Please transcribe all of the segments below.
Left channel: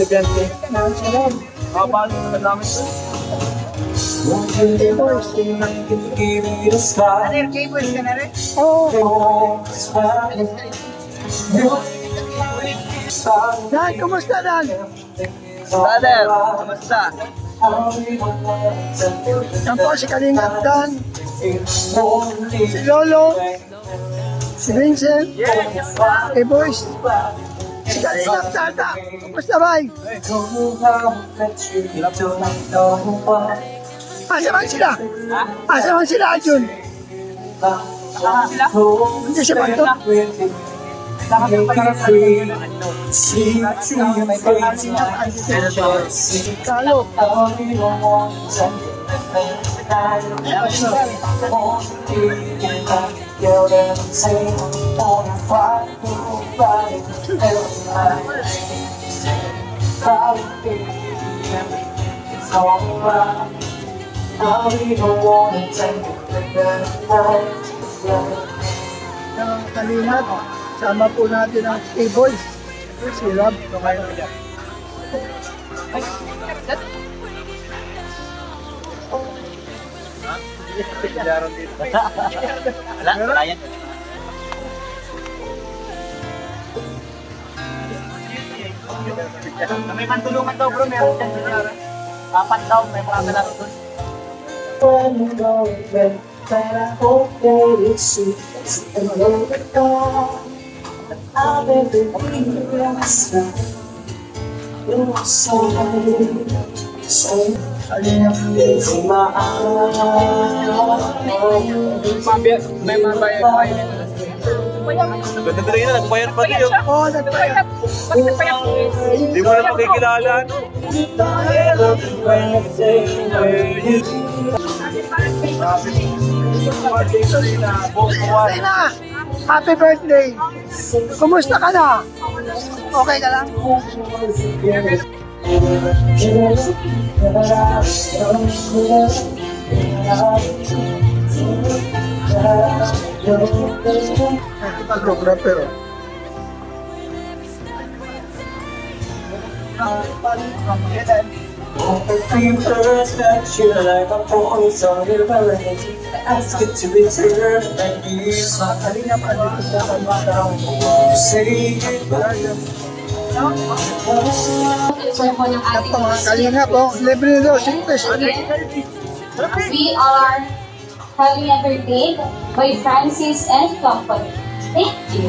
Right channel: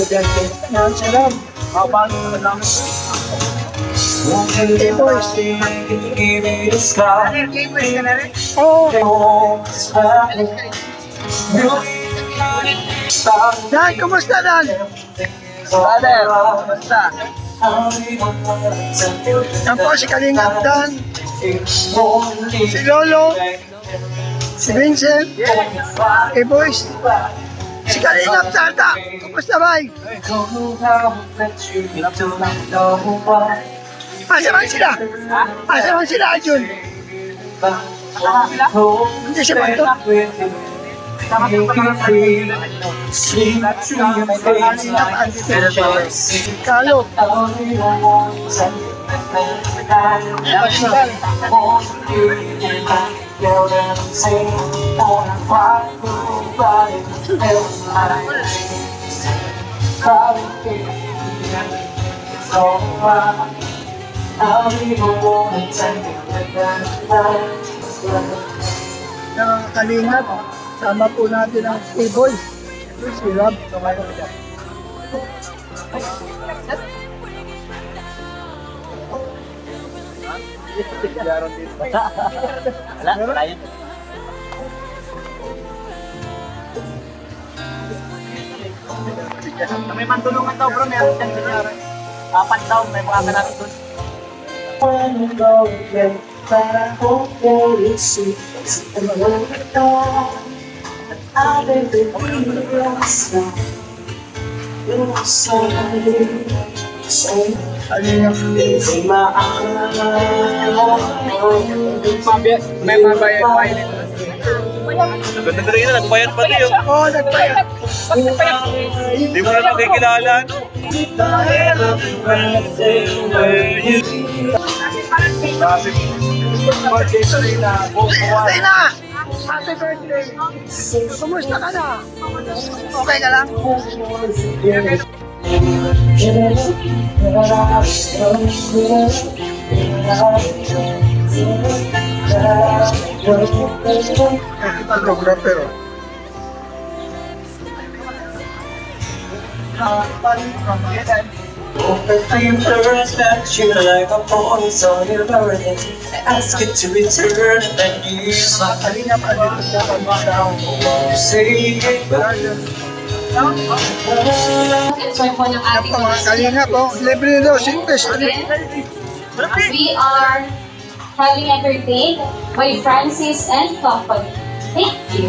estudyante. Yan, sarap. Habang nalang. K-Boys. Ano yung K-Boys ka na rin? Oo. Dan, kumusta Dan? Brother, kumusta? Yan po si Kalingap Dan, si Lolo, si Vincent, K-Boys, si Kalingap Tata. Kumusta bay? Asaman sila? Asaman sila, Jun? Hindi siya ba ito? Kalo. Kalingap, sama po natin ang K-Boys. Si Rob. May pantulungan daw bro, meron dyan. 4 daw, may mga natin doon. Para okay, see the world I've been Ganda rin na, nagbayad pa rin. Oo, nagbayad. Hindi mo na makikilala. Sina, happy birthday. Kumusta ka na? Okay ka lang? Photographer. you like a voice on your burden. Ask it to return and then you Kalingap, andito po kami sa say Kalingap, libre daw, singles. We are having entertained by Francis and Company. Thank you.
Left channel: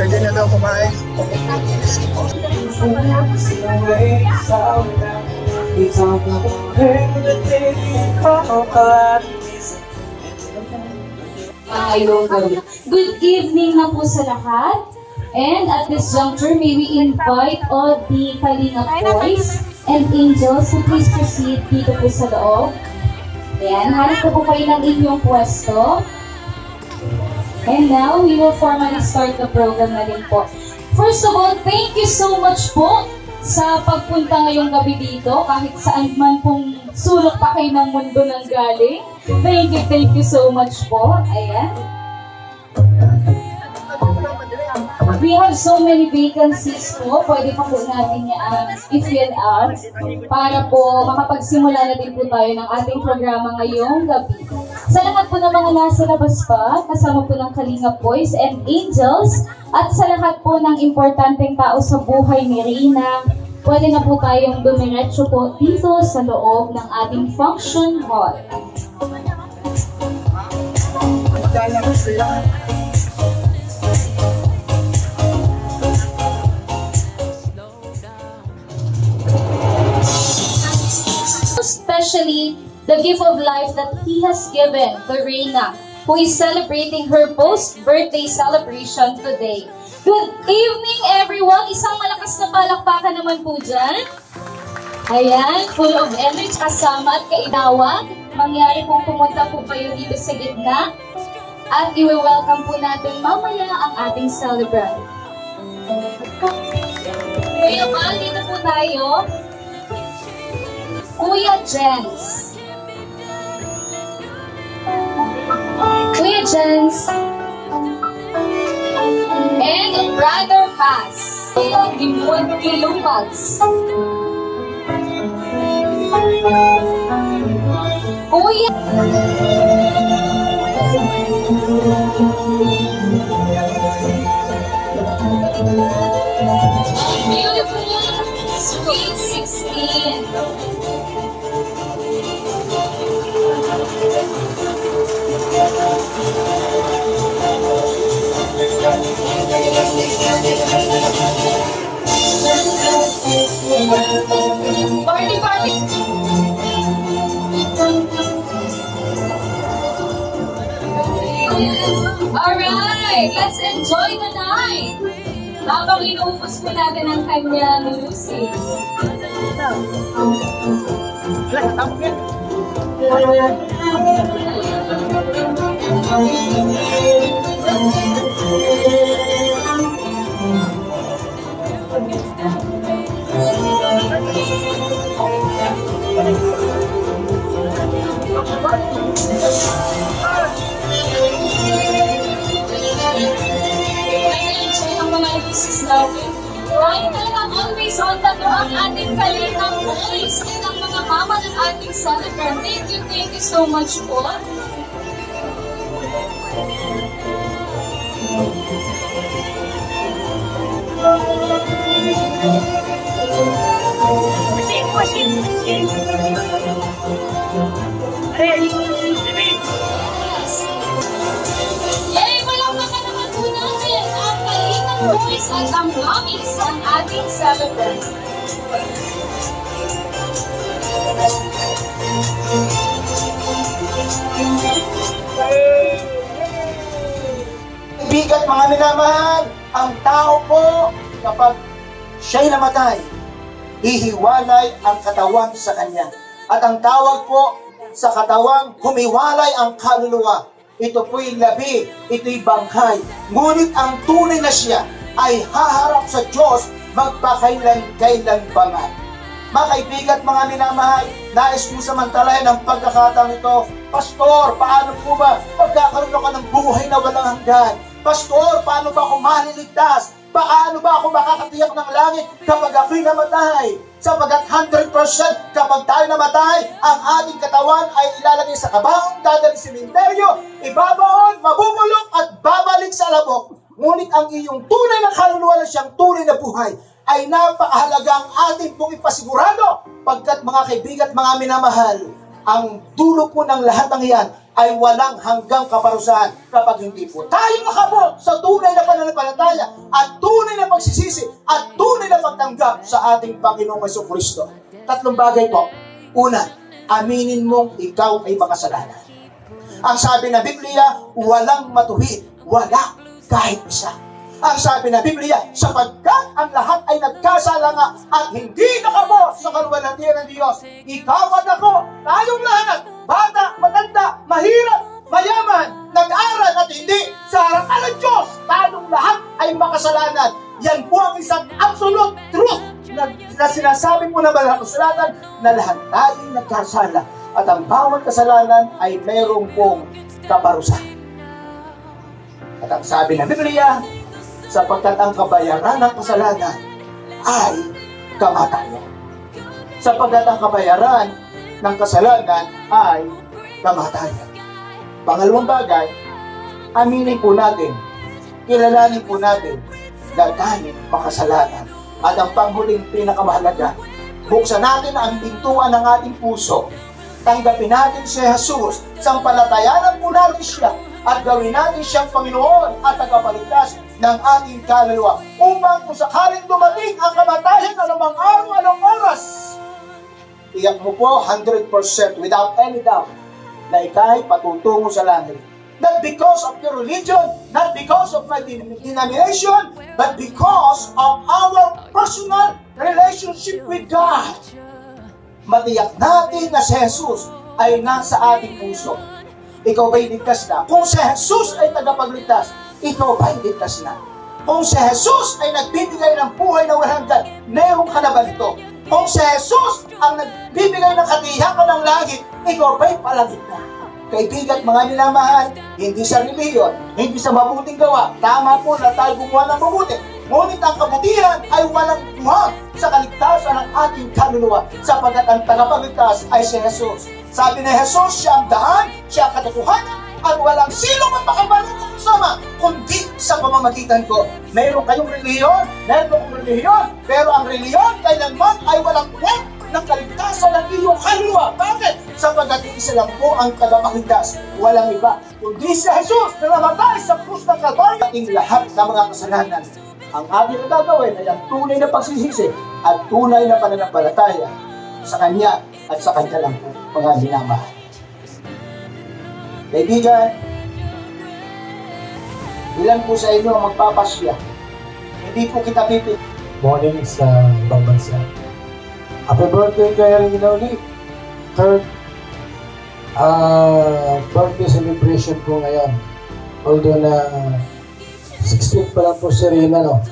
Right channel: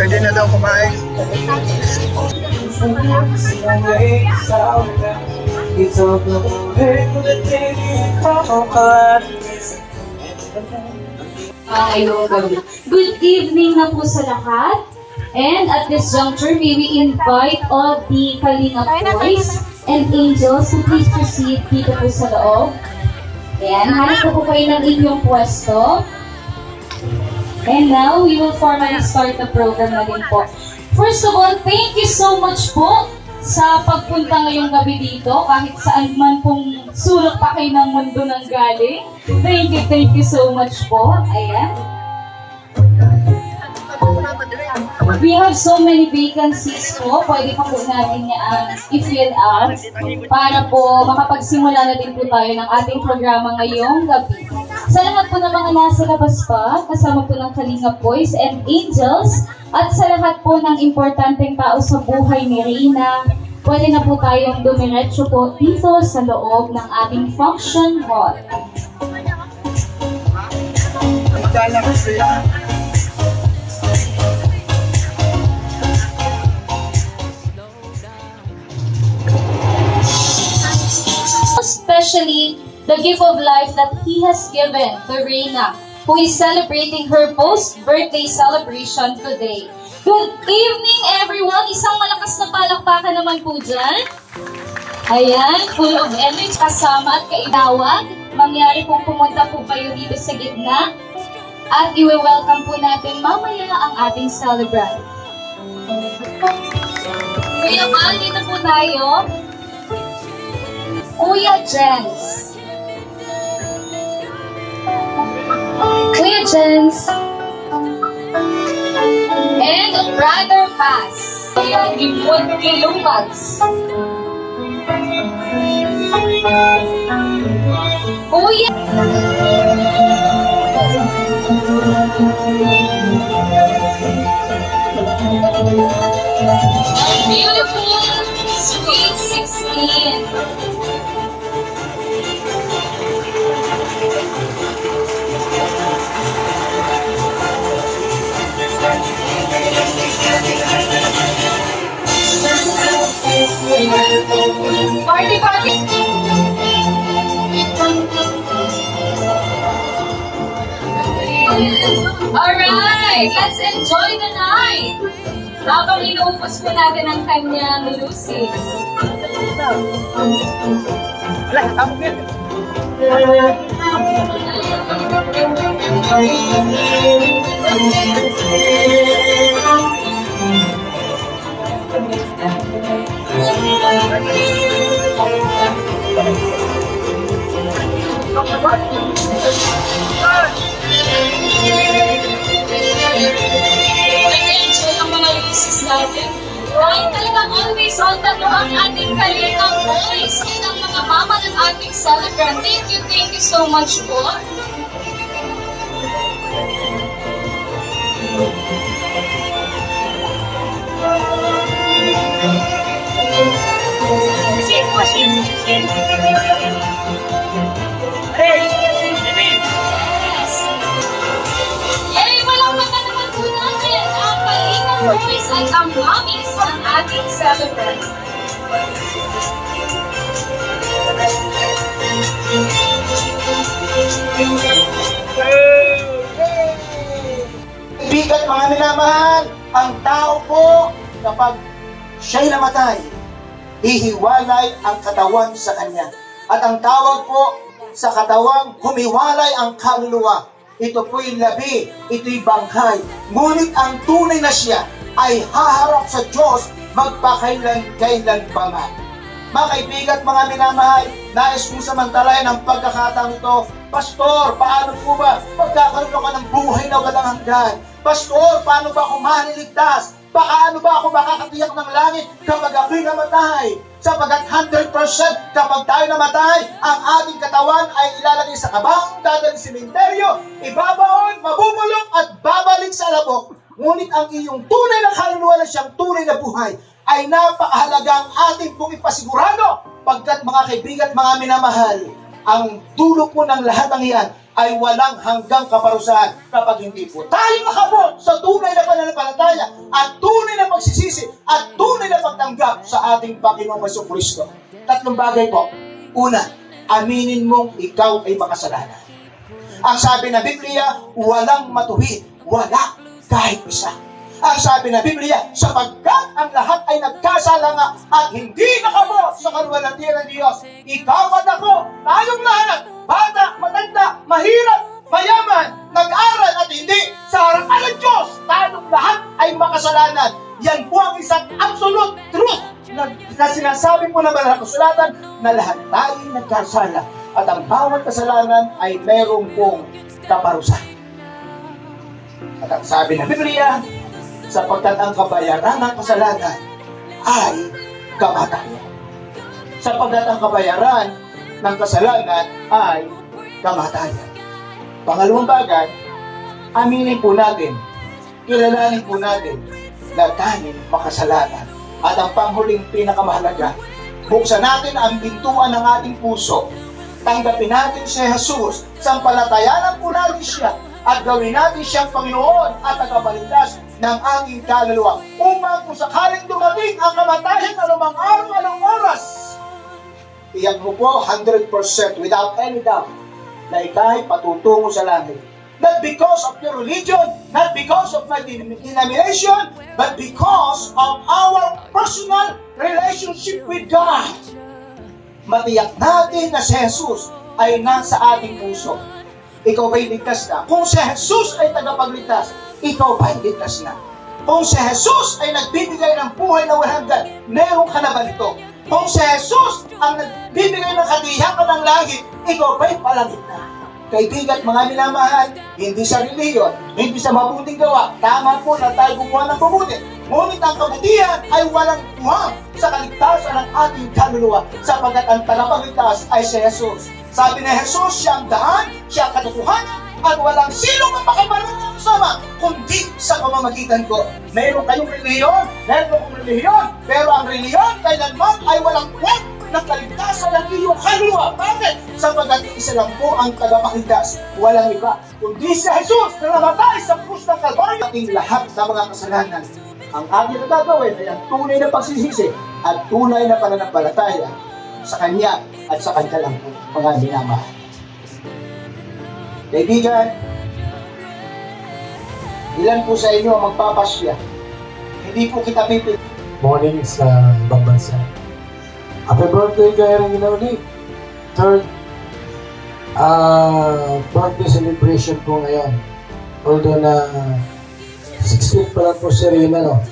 Pwede na daw kumain. Good evening na po sa lahat. And at this juncture, may we invite all the Kalingap boys and angels to please proceed dito po sa loob. Ayan, hanap po kayo ng inyong pwesto. And now, we will formally start the program na din po. First of all, thank you so much po sa pagpunta ngayong gabi dito. Kahit saan man pong sulok pa kayo ng mundo ng galing. Thank you so much po. Ayan. We have so many vacancies po. Pwede pa po natin i-fill out para po makapagsimula na din po tayo ng ating programa ngayong gabi. Sa lahat po ng mga nasa labas pa, kasama po ng Kalingap Boys and Angels, at sa lahat po ng importanteng tao sa buhay ni Reyna, pwede na po tayong dumiretso po dito sa loob ng ating function hall. Especially the gift of life that He has given to Reyna, who is celebrating her post-birthday celebration today. Good evening, everyone! Isang malakas na palakpakan naman po dyan. Ayan, full of energy, kasama at kainawag. Mangyari pong pumunta po kayo dito sa gitna. At i-welcome po natin mamaya ang ating celebrant. Kuya Val, dito po tayo. Kuya Jens. Kuya Jens. And Brother Muntinlupas. Kuya! Beautiful, sweet 16. Party, party! Alright, let's enjoy the night! Habang inuupos po natin ang kanyang lusis. Nag-enjoy ang mga lusis natin. Dahil talagang always on talo ang ating Kalingap Boys at ang mga mama ng ating celebrant. Thank you so much po. Yay! Malakpakan naman po natin ang Kalingap Boys at ang mommies ng ating celebrant. Bigat mga minamahal, ang tao po kapag siya'y namatay, hihiwalay ang katawan sa kanya. At ang tawag po sa katawang humiwalay ang kaluluwa. Ito po'y labi, ito'y banghay. Ngunit ang tunay na siya ay haharap sa Diyos magpakailan-kailan pa man. Mga kaibigan at mga minamahal, nais kong samantalayan ang pagkakataon ito. Pastor, paano po ba pagkakaroon ako ng buhay na walang hanggan? Pastor, paano ba ako maliligtas? Paano ba ako makakatiyak ng langit kapag ako'y namatay? Sapagat 100% kapag tayo namatay, ang ating katawan ay ilalagay sa kabang, dadalhin sa sementeryo, ibabaon, mabubulok at babalik sa labok. Ngunit ang iyong tunay na kaluluwa na siyang tunay na buhay ay napakahalagang ating pong ipasigurado, pagkat mga kaibigan at mga minamahal, ang dulo po ng lahat ng iyan ay walang hanggang kaparusahan kapag hindi po tayo nakabot sa tunay na pananampalataya at tunay na pagsisisi at tunay na pagtanggap sa ating Panginoong Jesucristo. Tatlong bagay po. Una, aminin mong ikaw ay makasalanan. Ang sabi ng Biblia, walang matuwid, wala kahit isa. Ang sabi ng Biblia, sapagkat ang lahat ay nagkasala nga at hindi nakabot sa kaluwalhatian ng Diyos. Ikaw at ako, tayong lahat, bata, matanda, mahirap, mayaman, nag-aral at hindi, sa harapan ng Diyos, tayong lahat ay makasalanan. Yan po ang isang absolute truth na sinasabi po ng Banal na Kasulatan na lahat tayong nagkasala at ang bawat kasalanan ay mayroong pong kaparusahan. At ang sabi ng Biblia, sapagkat ang kabayaran ng kasalanan ay kamatayan. Sapagkat ang kabayaran ng kasalanan ay kamatayan. Pangalawang bagay, aminin po natin, kilalanin po natin na tayo makasalanan. At ang panghuling pinakamahalaga, buksan natin ang pintuan ng ating puso, tanggapin natin si Jesus, sampalatayanan po natin siya, at gawin natin siyang Panginoon at tagapagligtas ng ating kaluluwa. Upang kung sakaling dumating ang kamatayan anumang araw, anong oras, iyan mo po 100% without any doubt na ikay patutungo sa langit. Not because of your religion, not because of my denomination, but because of our personal relationship with God. Matiyak natin na si Jesus ay nasa ating puso. Ikaw ba'y ligtas na? Kung si Jesus ay tagapagligtas, ikaw ba'y ligtas na? Kung si Jesus ay nagbibigay ng buhay na walang hanggan, meron ka na ba nito? Kung si Jesus ang nagbibigay ng katiyakan ng langit, ikaw ba'y palangit na? Kaibigan, mga minamahal, hindi sa reliyon, hindi sa mabuting gawa. Tama po na tayo gumawa ng mabuti. Ngunit ang kabutihan ay walang tuwang sa kaligtasan ng ating kaluluwa sapagkat ang tagapagligtas ay si Jesus. Sabi ni Jesus, siya ang daan, siya ang katotohanan, at walang sino man makabalong sama kundi sa pamamagitan ko. Mayroon kayong reliyon, mayroon akong reliyon, pero ang reliyon kailanman ay walang tuwang ng kaligtasan ng iyong kaluluwa. Bakit? Sapagkat isa lang po ang tagapagligtas, walang iba kundi si Jesus na namatay sa krus ng Kalbaryo. Ating lahat ng mga kasalanan, ang ating gagawin ay ang tunay na pagsisisi at tunay na pananampalataya sa Kanya at sa Kanya lang po, mga minamahal. Kaibigan, ilan po sa inyo ang magpapasya? Hindi po kita pipili. Morning sa ibang bansa. Happy birthday kay Regina Uli. Third birthday celebration po ngayon. Although na 16 pa lang po si Rina, no?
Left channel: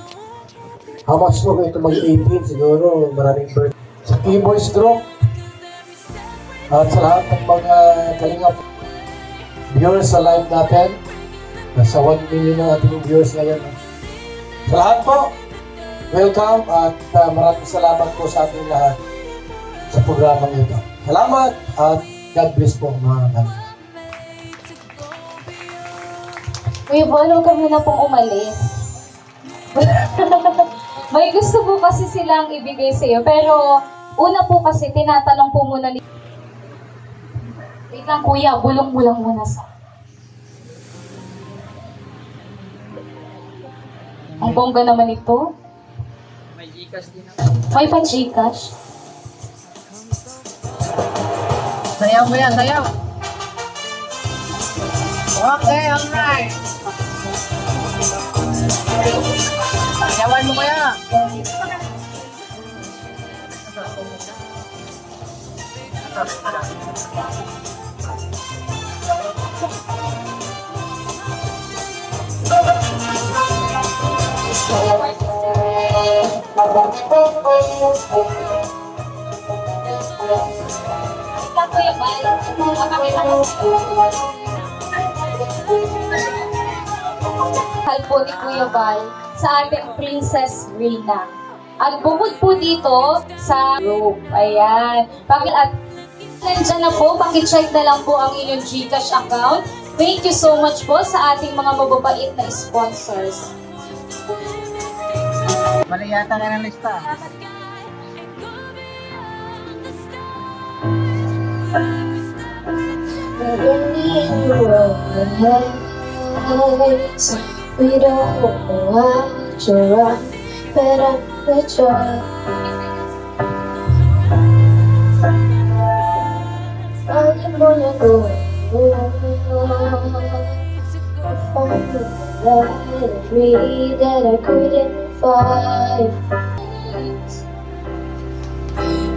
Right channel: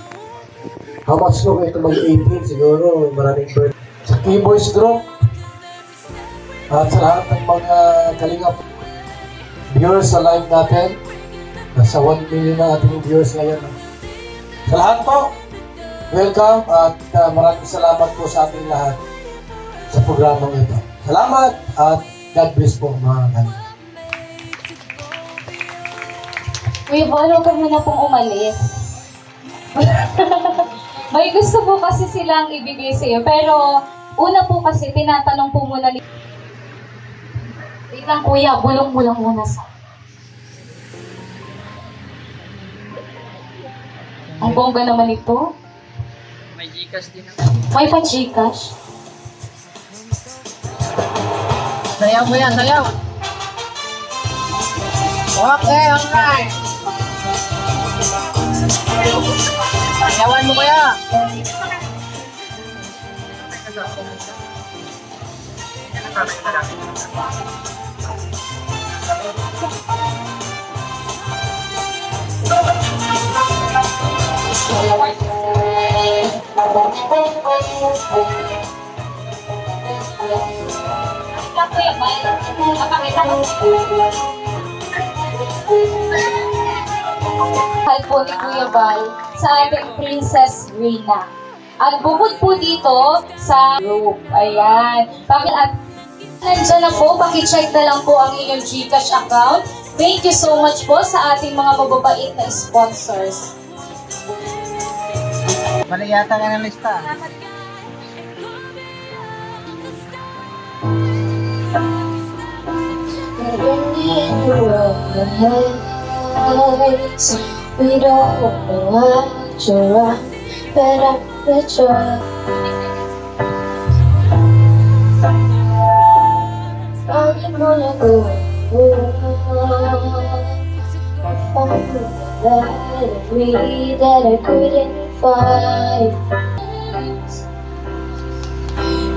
How much po ito mag-18? Siguro maraming birthday. Sa Keyboys Group at sa lahat ng mga kalingap viewers sa live natin. Nasa 1 million na ating viewers ngayon. No? Sa lahat po, welcome at maraming salamat po sa ating lahat sa programang ito. Salamat at God bless po mga kanina. Uy, huwag ka muna pong umalis. May gusto po kasi silang ibigay sa iyo. Pero una po kasi tinatanong po muna ni... Wait lang kuya, bulong mo lang muna sa... Ang bongga naman ito. May Gcash din. May pa-Gcash. Sayaw mo yan, sayaw. Okay, alright. Sayawan mo kaya. Mahal po ni Kuya Bal sa ating Princess Rina. At bukod po dito sa group. Ayan. At nandiyan na po, pakicheck na lang po ang inyong Gcash account. Thank you so much po sa ating mga mababait na sponsors. Mali yata nga ng lista. We don't know what you're on, but I'm with you. I'm gonna go that I couldn't find.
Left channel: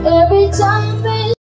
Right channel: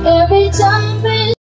Every time we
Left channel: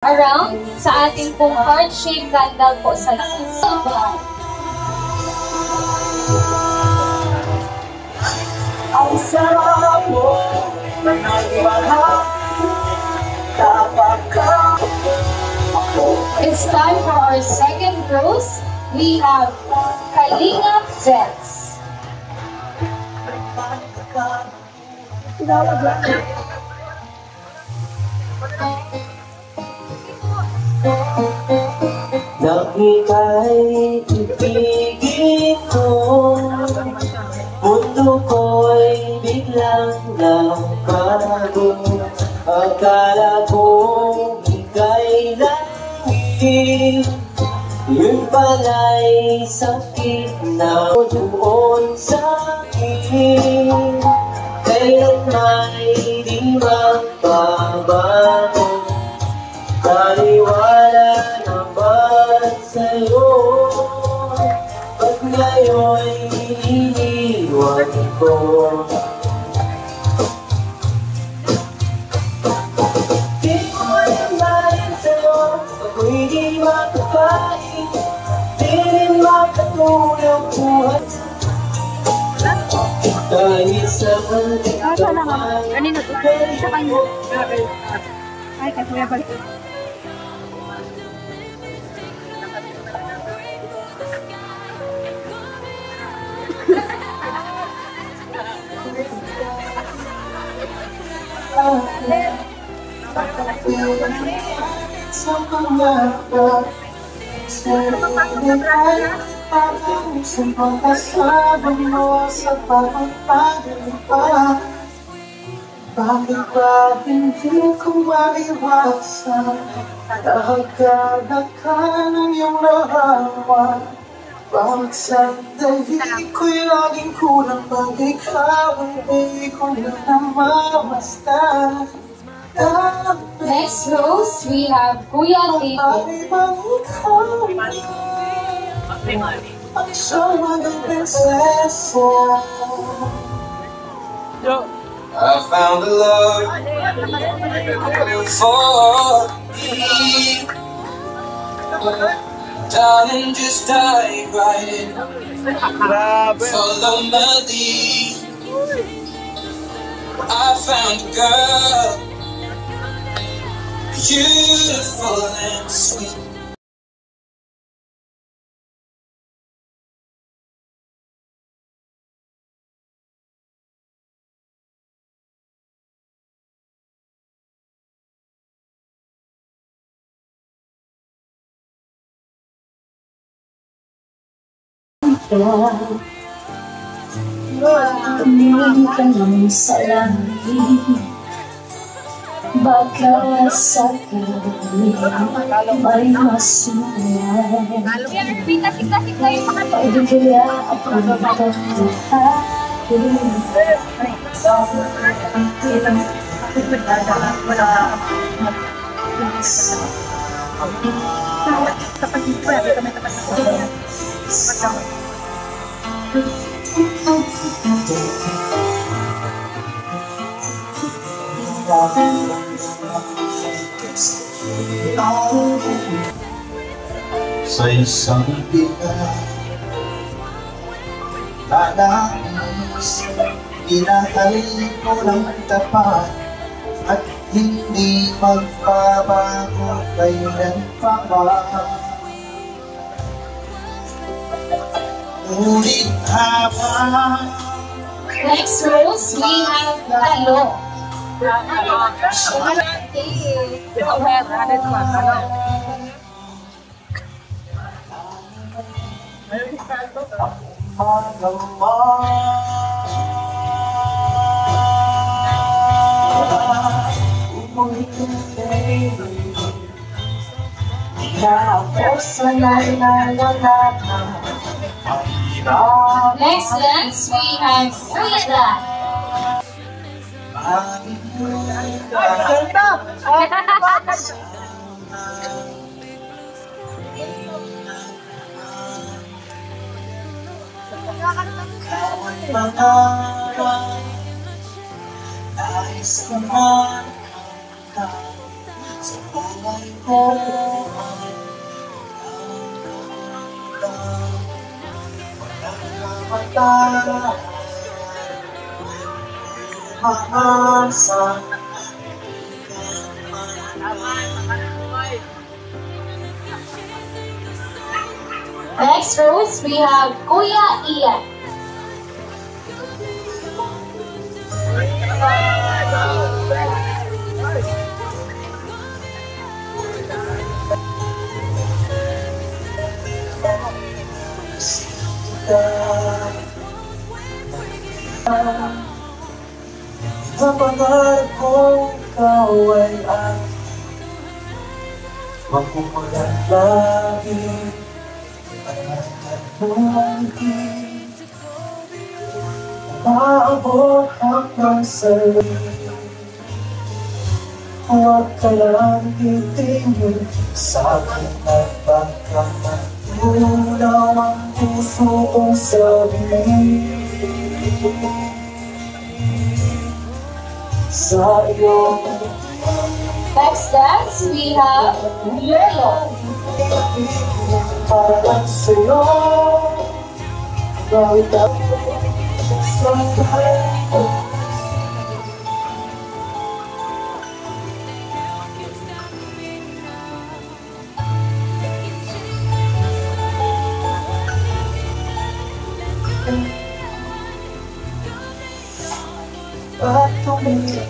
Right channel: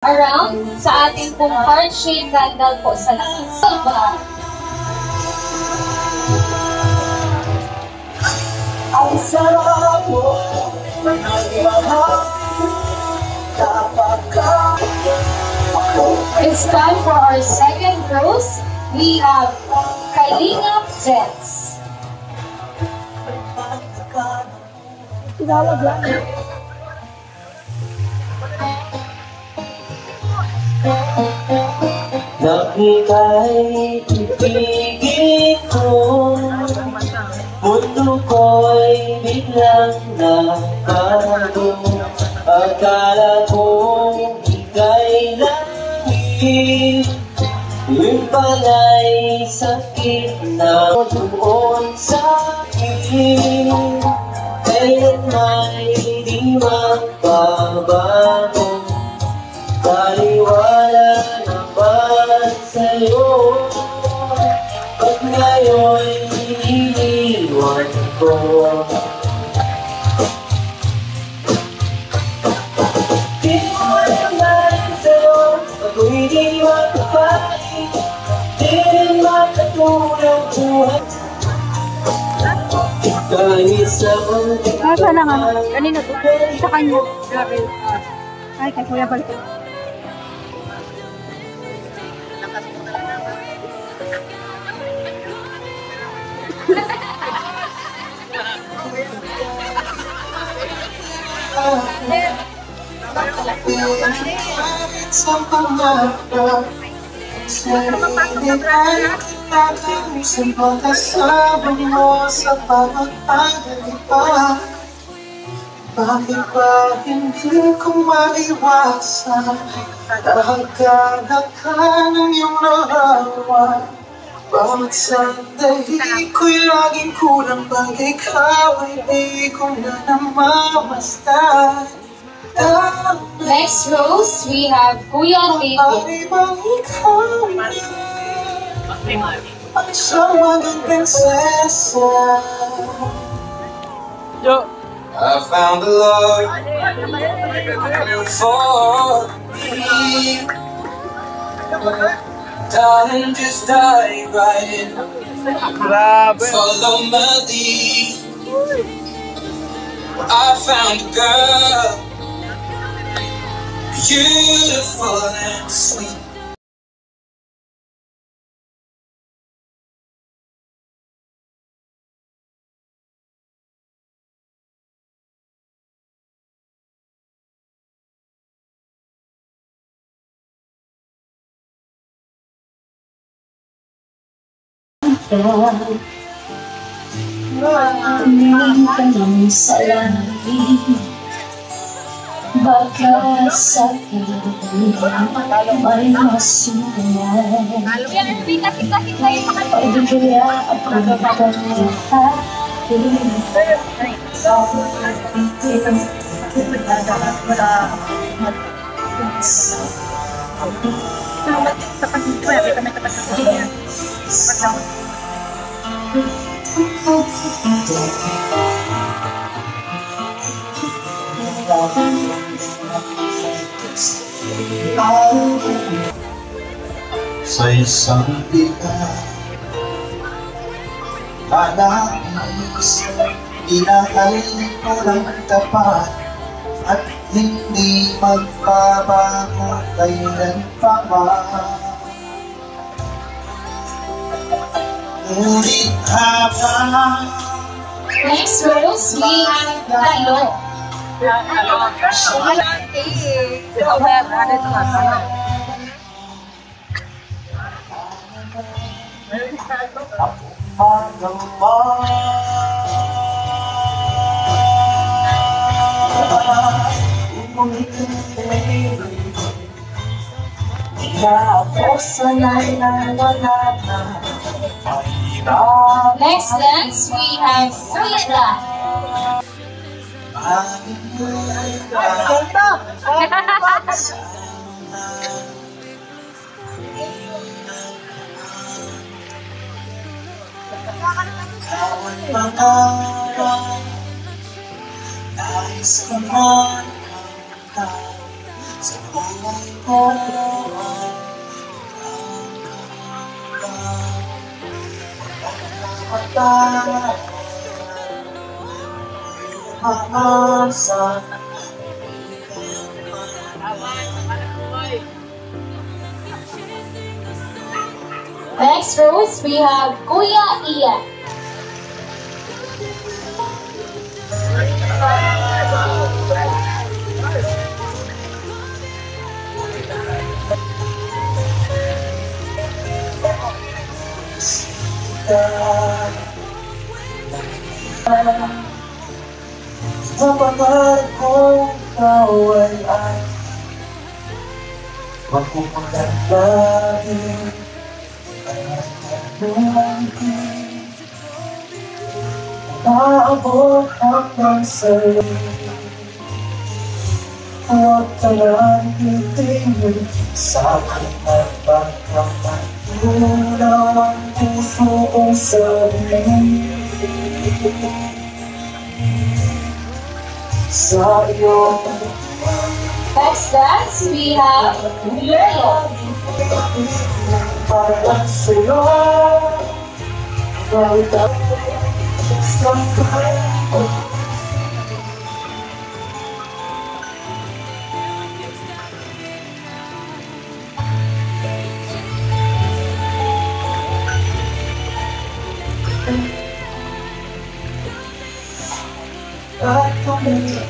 Around sa ating pong heart-shaped candle po sa labas. Ang sarap mo may nagmahal kapag It's time for our second rose. We have Kalinga Jets. Tinawag lang. Nakika'y ibigin ko, mundo ko'y biglang nagbago. Akala ko ika'y langit, yun pala'y sakit na doon sa akin. Kaya't may di magbabago, taliwala naman sa'yo. Pag ngayon'y iniwan ko, di mo nalayan sa'yo. Ako'y di makapalit, di rin makatulong buhay. Dahil sa Nasa na nga. Kanina to. Sa kanya. Ay, kay Kuya balik. Sa pangarap, sarili ay natin sa pagkasama mo sa pagpapalipa. Bakit ba hindi ko maiwasan? Dahil kalaka ng iyong narawan. Bawat sandali ko'y laging kulang pag ikaw ay di ko na namamastan. Next rose, we have Kuya Rico. Ay bang ikaw ang siyang mga prinsesa? I found the love for me. Darling, just dive right in. Follow my lead. I found a girl, beautiful and sweet. Tumingin ka lang sa langit. Baka sa'kin may masunod. Pag-ibigya at sa isang iba, nais inakal ko ng tapat at hindi magbabago kailan pa ba. Ngunit habang Next rose, we have Talo. Next dance, we have Frida. Nais ko man sa buhay ko. Next rose, we have Kuya Ian. Sa pangarap ko, ikaw ay magpupulan lagi at maritanungin. Maabot hanggang sa'yo. Huwag ka lang itingin sa akin at baka matulaw ang puso kong sabihin. Sa iyo Next dance, we have Lolo. para sa'yo bawat ako sa buhay ko.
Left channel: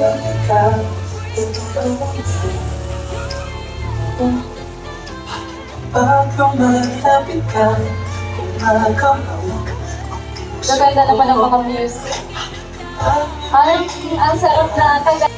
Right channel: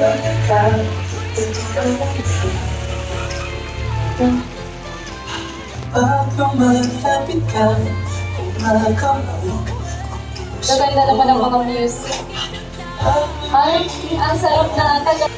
ikaw, bago malapit ka, kumakaw. Maganda naman ang mga music. Ay, ang sarap na kaya.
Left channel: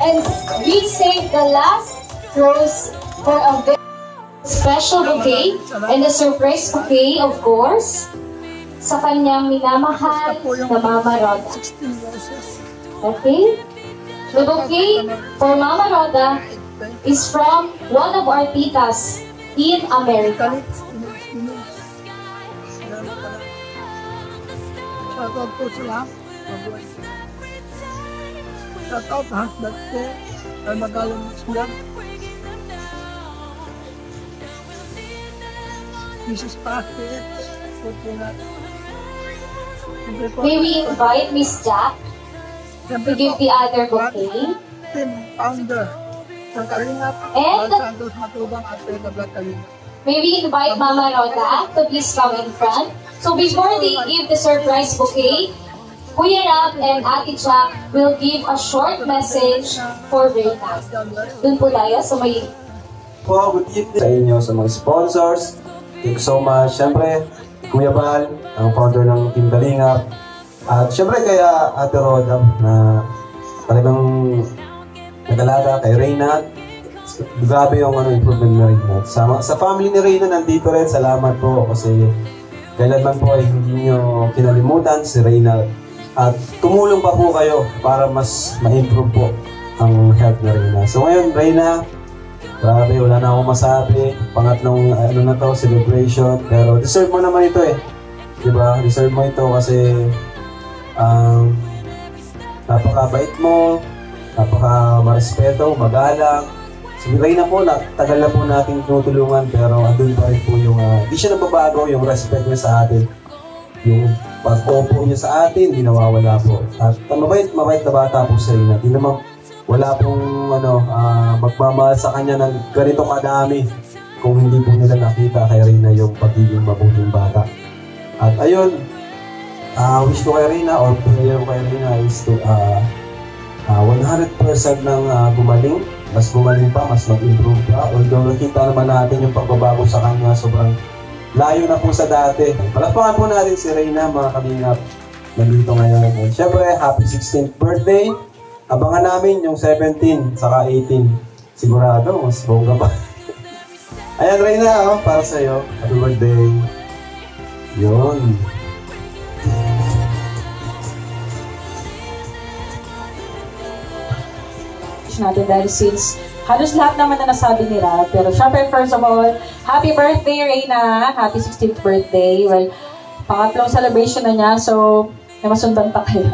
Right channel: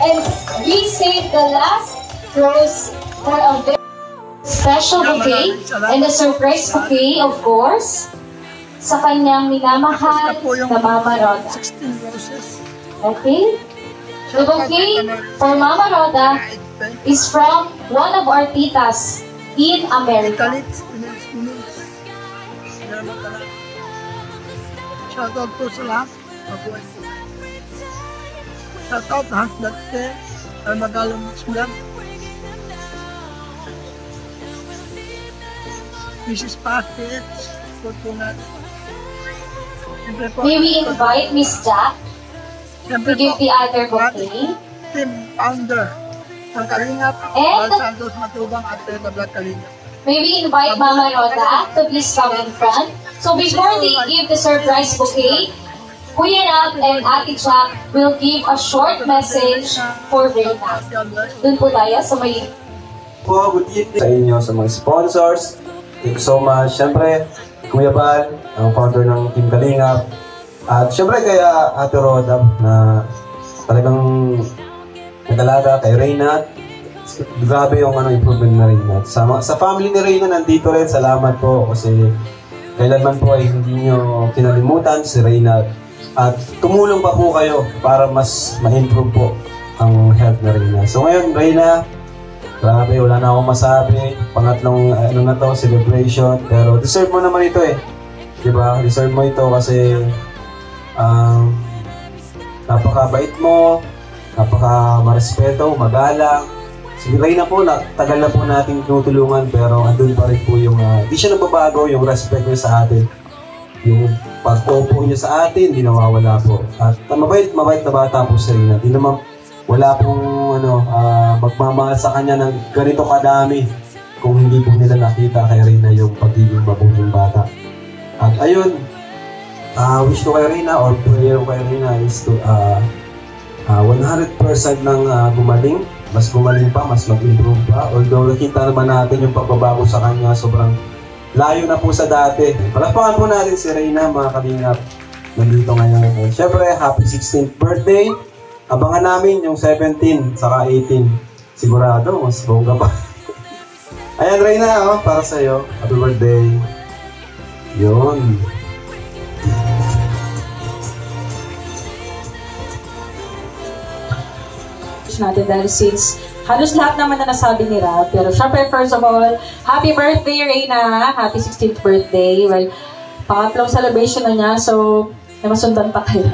And we saved the last rose for a very special bouquet and a surprise bouquet, of course, sa kanyang minamahal na Mama Roda. 16 roses. Okay? The bouquet for Mama Roda is from one of our titas in America. Kalit, salamat talaga. Shoutout po sa lahat. Mabuhay po. Shoutout lahat dati. Ay magalang vlog. Mrs. Packet. Support po natin. May we invite Miss Jack to give the other bouquet. Team founder ng Kalingap, And Val Santos Matubang at Teta Vlog Kalingap. may we invite Mama Roda to please come in front. So before they give the surprise bouquet, Kuya Ram and Ate Jack will give a short message for Reyna. Dun po tayo sa may... Po, good evening sa inyo, sa mga sponsors. Thank you so much. Siyempre, Kuya Val, ang founder ng Team Kalingap. At siyempre kaya Ate Roda na talagang nag-alaga kay Reyna. Grabe yung improvement na Reyna. Sa family ni Reyna nandito rin, salamat po kasi kailanman po ay hindi nyo kinalimutan si Reyna. At tumulong pa po kayo para mas ma-improve po ang health ni Reyna. So ngayon, Reyna, grabe, wala na akong masabi. Pangatlong na to, celebration. Pero deserve mo naman ito eh. Diba? Deserve mo ito kasi napakabait mo, napaka-marespeto, magalang. Si Reyna po, tagal na po natin tinutulungan pero andun pa rin po yung, di siya nababago, yung respect niya sa atin. Yung pag-opo niya sa atin, hindi nawawala po. At mabait na bata po sa Reyna. Di naman, wala pong magmamahal sa kanya ng ganito kadami kung hindi po nila nakita kay Reyna yung pagiging mabuting bata. At ayun, wish ko kay Reyna or prayer ko kay Reyna is to 100% nang gumaling, mas gumaling pa, mas mag-improve pa. Although nakita naman natin yung pagbabago sa kanya, sobrang layo na po sa dati. Palapakan po natin si Reyna, mga Kalingap, nandito ngayon. Siyempre, happy 16th birthday. Abangan namin yung 17 saka 18. Sigurado, mas bongga pa. Ayan, Reyna, para sa'yo. Happy birthday. Yun. wish natin dahil since halos lahat naman na nasabi nila. Pero syempre, first of all, happy birthday, Reyna! Happy 16th birthday. Well, pangatlong celebration na niya, so namasundan pa kayo.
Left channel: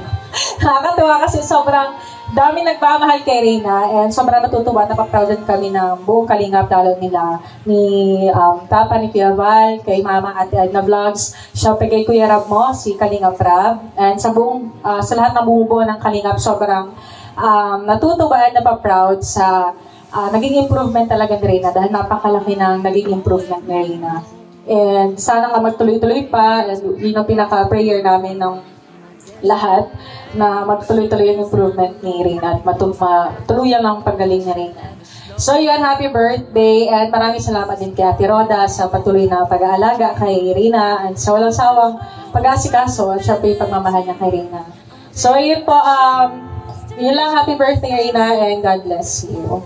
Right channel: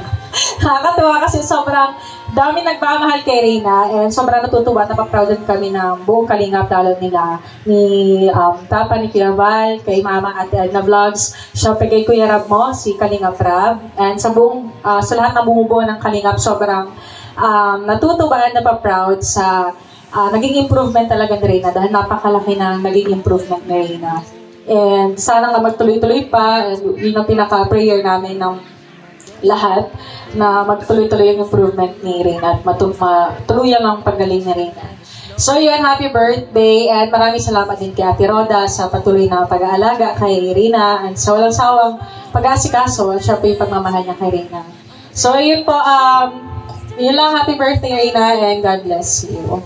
Nakakatuwa kasi sobrang dami nagmamahal kay Reyna and sobrang natutuwa at napaproud kami ng buong Kalingap, lalo nila ni Papa ni Kuya Val, kay Mama Ate Edna Vlogs, syempre kay Kuya Rab mo, si Kalingap Rab, and sa buong, sa lahat ng bumubuo ng Kalingap, sobrang natutuwa at napaproud sa naging improvement talaga ni Reyna dahil napakalaki ng naging improvement ni Reyna. And sana nga magtuloy-tuloy pa, and yun ang pinaka-prayer namin ng lahat na magtuloy-tuloy yung improvement ni Reyna at matuluyan ang paggaling ni Reyna. So yun, happy birthday and maraming salamat din kay Ate Roda sa patuloy na pag-aalaga kay Reyna and sa walang sawang pag-asikaso at siya pa yung pagmamahal niya kay Reyna. So yun po, yun lang, happy birthday Reyna and God bless you.